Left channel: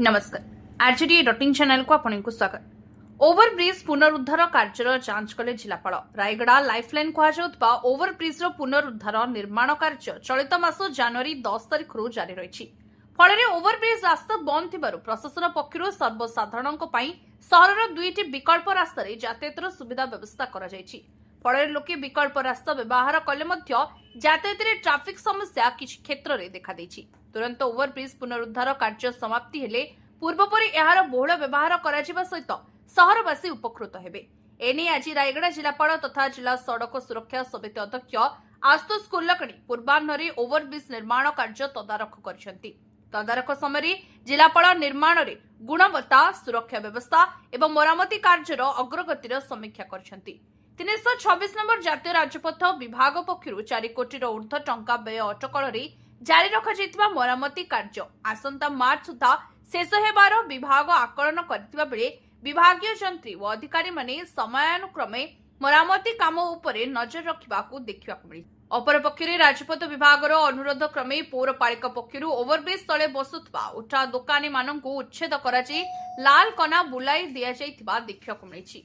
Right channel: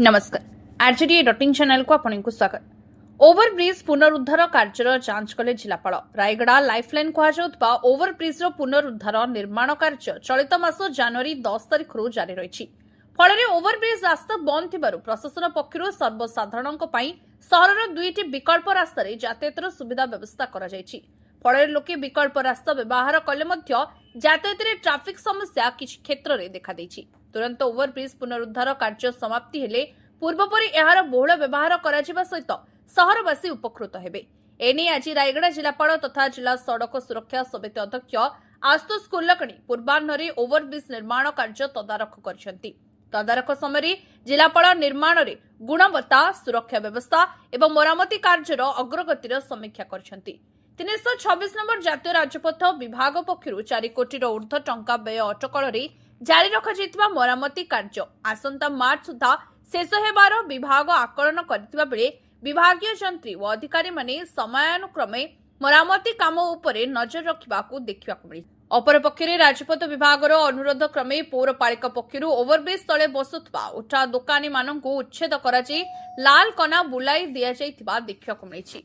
नमस्कार RJD डॉटिंग channel को आपको स्वागत। ओवरब्रिज पुनरुद्धार कार्यर जांच कले जिलापाल रायगड़ा लाइफलाइन कहुवा ओवरब्रिज पुनरुद्धार निर्माण कार्य चलित मास जनवरी 10 तारिख जारी रही। फल ओवरब्रिज रास्ता बंद थी प्रशासन पक्षर सर्वसाधारण सहर दुईटी विकल्प रास्त यातायातर सुविधा व्यवस्था कर लोके विकल्प रास्ता व्यवहार कले यातायात ट्राफिक समस्या किसी क्षेत्र में देखा तुरंत ओवरब्रिज पुनरुद्धार कार्य समाप्ति हेले पूर्वपरी यार बहुल व्यवहार करा सहित सहरवासी उपकृत हेबे। एने आज रायगड़ा जिलापाल तथा जिला सड़क सुरक्षा समिति अध्यक्ष आशुतोष कुलकर्णी पूर्वाह्न ओवरब्रिज निर्माण कार्य तदारख करछंती। तदारख समय जिलापाल निर्माण में गुणवत्ता सुरक्षा व्यवस्था एवं मरामती कार्यर अग्रगतिर समीक्षा करछंती। 326 नंबर जातीय राजपथ विभाग पक्षर 4 कोटी ऊर्ध्व टंका व्यय अटकल जारी रखा मरामती कार्य आसंता मार्च सुधा शेष हेबार विभाग आकलन करथिबा बेले विभागीय जंत्री और अधिकारी माने समयानुक्रमे मरामती काम उपरे नजर रखिबाकू देखिबाकू मिली। अपरपक्षे राजपथ विभाग अनुरोध क्रमे पौरपालिका पक्षर ओवरब्रिज तले बसुवा उठा दोकानी मानू उच्छेद कर लाल कना बुलाई दि देखा मिली।